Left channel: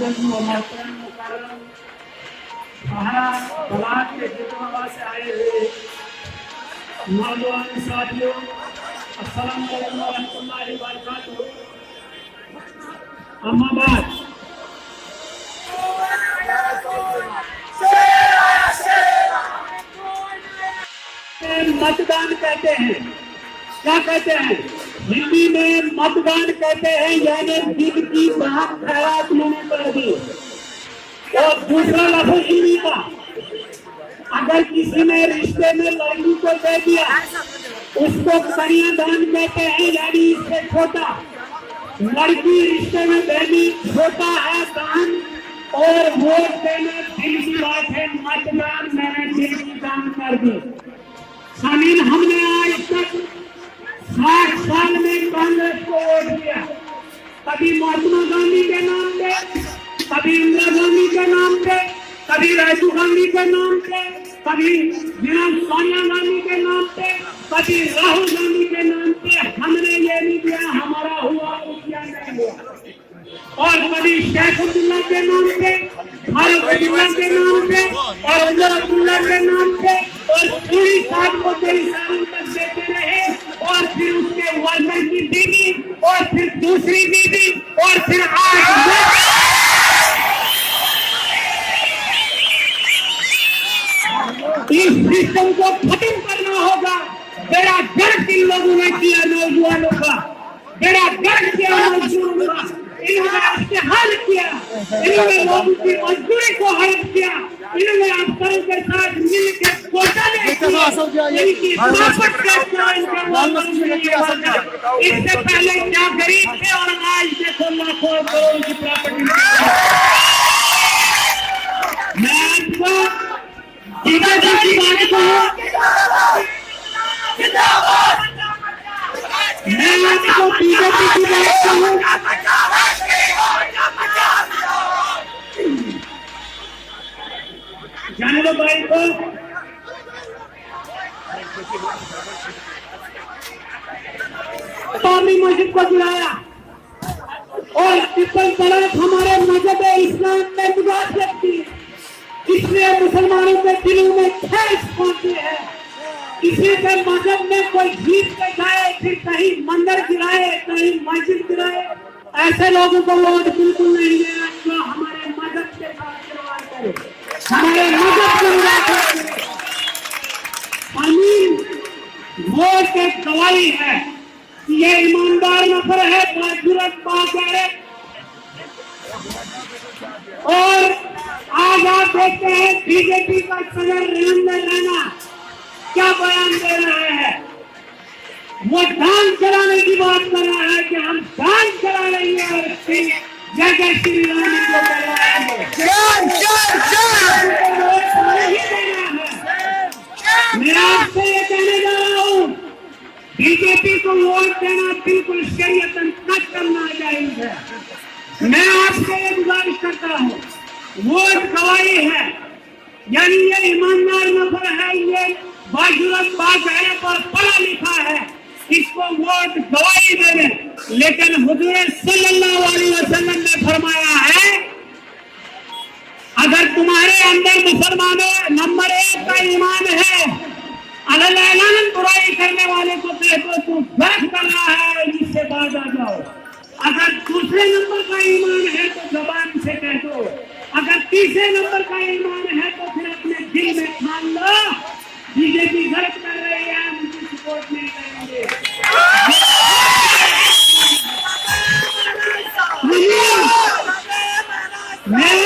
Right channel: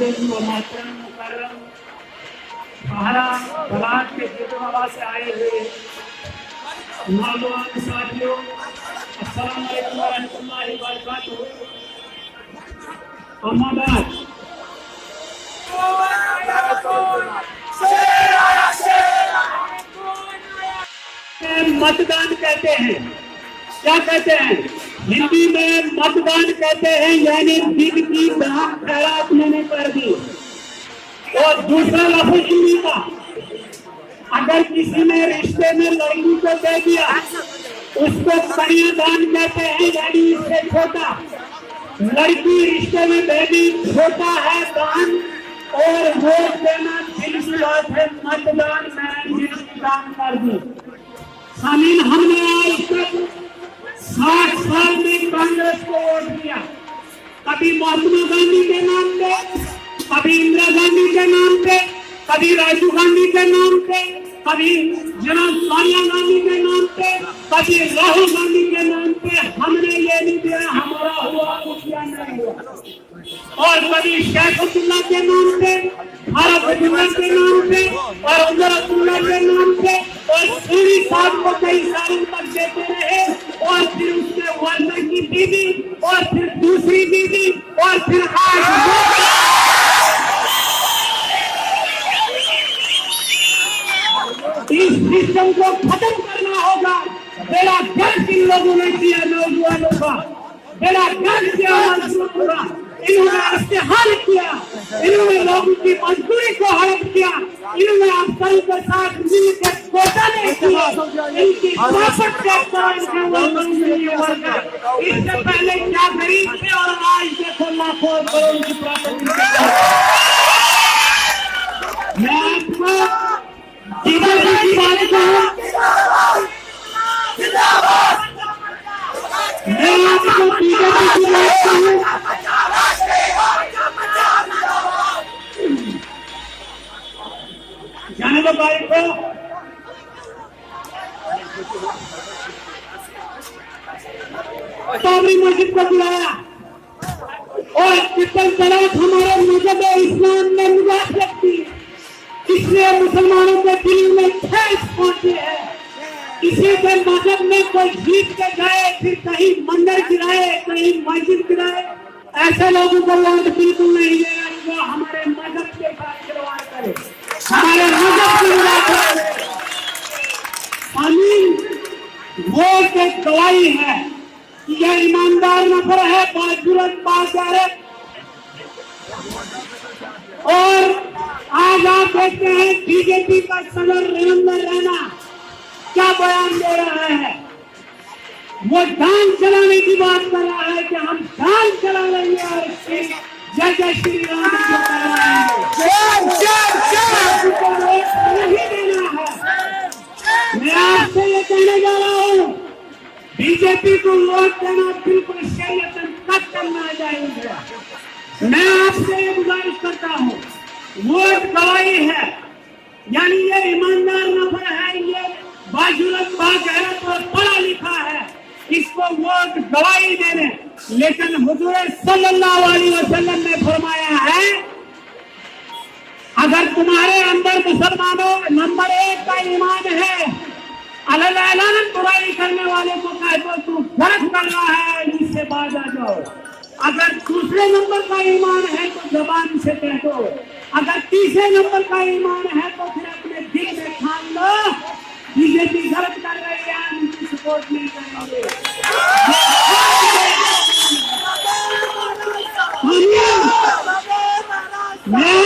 बुजुर्ग व मोहतरम मुकर्रम सहारा बलाद के जितवा से आए हुए नौजवान साथियों, अस्सलाम वालेकुम व रहमतुल्लाहि व बरकातुहू। अम्मा बाद मतदान कहते हैं, क्या कहते हैं? हिंदी में मतदान कहते हैं, यानी दिल की बात खैरात लेने पर भी। और दूसरा लफ्ज हिंदी का, अगर किसी ने रिश्ते में लड़की को दे दिया उसको कन्यादान कहते हैं, यानी इससे छोटा। लड़की रिश्ते में देनी छोटा है दान, और वोट देना दिल की बात है। मतदान मैंने दिल की दान कर दी। सामीन, हमने आज तक 60 साल में कांग्रेस को वोट दिया। कभी महात्मा गांधी के नाम पे, कभी इंदिरा गांधी के नाम पे, कभी राजीव गांधी के नाम पे, कभी जनाब सोनिया गांधी के नाम पे, कभी राहुल गांधी के नाम पे। हमने ये नहीं दिया हमारा हुआ रुपया नहीं हुआ। और कभी शेख अब्दुल्ला के नाम पे, फारूक अब्दुल्ला के नाम पे, और उमर अब्दुल्ला के नाम पे, और सूरी साहब को कई सालों तक देते रहे। और फिर उसके वर्कर की बीवी, और फिर दूसरी बीवी, और फिर आज इस सिस्टम को खत्म करना होगा। बेड़ा गर्क इन लोगों ने किया, नौजवानों का बेड़ा गर्क किया मजदूरों का। इन्होंने इस्तेहाल किया, इन्होंने लोगों की मजदूरी को हड़प किया, इन्होंने अफसरों के साथ मिलकर घोटाले किए, इनकी ताकत का इससे पहले क्या गरीब थे और आज देखो लाखों करोड़ की प्रॉपर्टी। मैं आपको बीजेपी की बात कहूँ, मैं आपको बीजेपी की बात कहूँ, जाने दो भाई को। पावनी मस्जिद को बुलाया और इतनी तरह हमारे मजहब इस्लाम में मुदाखलत की, इसलिए मुसलमानों के दिलों में ठेस पहुंची है। इसी से मजहब में कोई जीत के गए, फिर कहीं मंदिर गिराए, कहीं मस्जिद गिराए। ऐसे लोगों को वोट बिल्कुल नहीं देना जो हमारे मजहब के साथ खिलवाड़ करे, हमारे मजहब के खिलाफ करे। अमीन वोट एक गवाही है कि ये ईमानदार नफर है, बाजुरत बाजार। और आज आप देखते हैं बीजेपी का सदर नरेंद्र रैना क्या बयान दे रहा है। वो दान चलाने की बात कर रहा है कि हम दान चला लेंगे और जय जय श्री राम को करवाएंगे। मैं आपको ये कहने जा रहा हूँ, बीजेपी को वोट देना बिल्कुल शरीयतन तक करना चाहिए। मैं आपसे ये गुजारिश करता हूँ, वोट गवाही है, यानी ये ईमानदार नफर है, ये बाजुरत बागहरा पर पढ़ा लिखा है, इसको वोट गवाही देने। लेकिन हुजूर सल्लल्लाहु अलैहि वसल्लम ने फरमाया है, अगर तुम्हारे अंदर मुसलमानों नंबर 1 का ईमान है, अल्लाह बुराई करने वाले को कह दो तू गलत कर रहा है, इससे बाज आ जाओ। अगर दूसरे नंबर का ईमान है तो जबान से कह दो। अगर तीसरे नंबर का ईमान है तो फिर अपने दिल में ठान लो बीजेपी गलत कर रही है, हम इनकी सपोर्ट नहीं करेंगे। मैं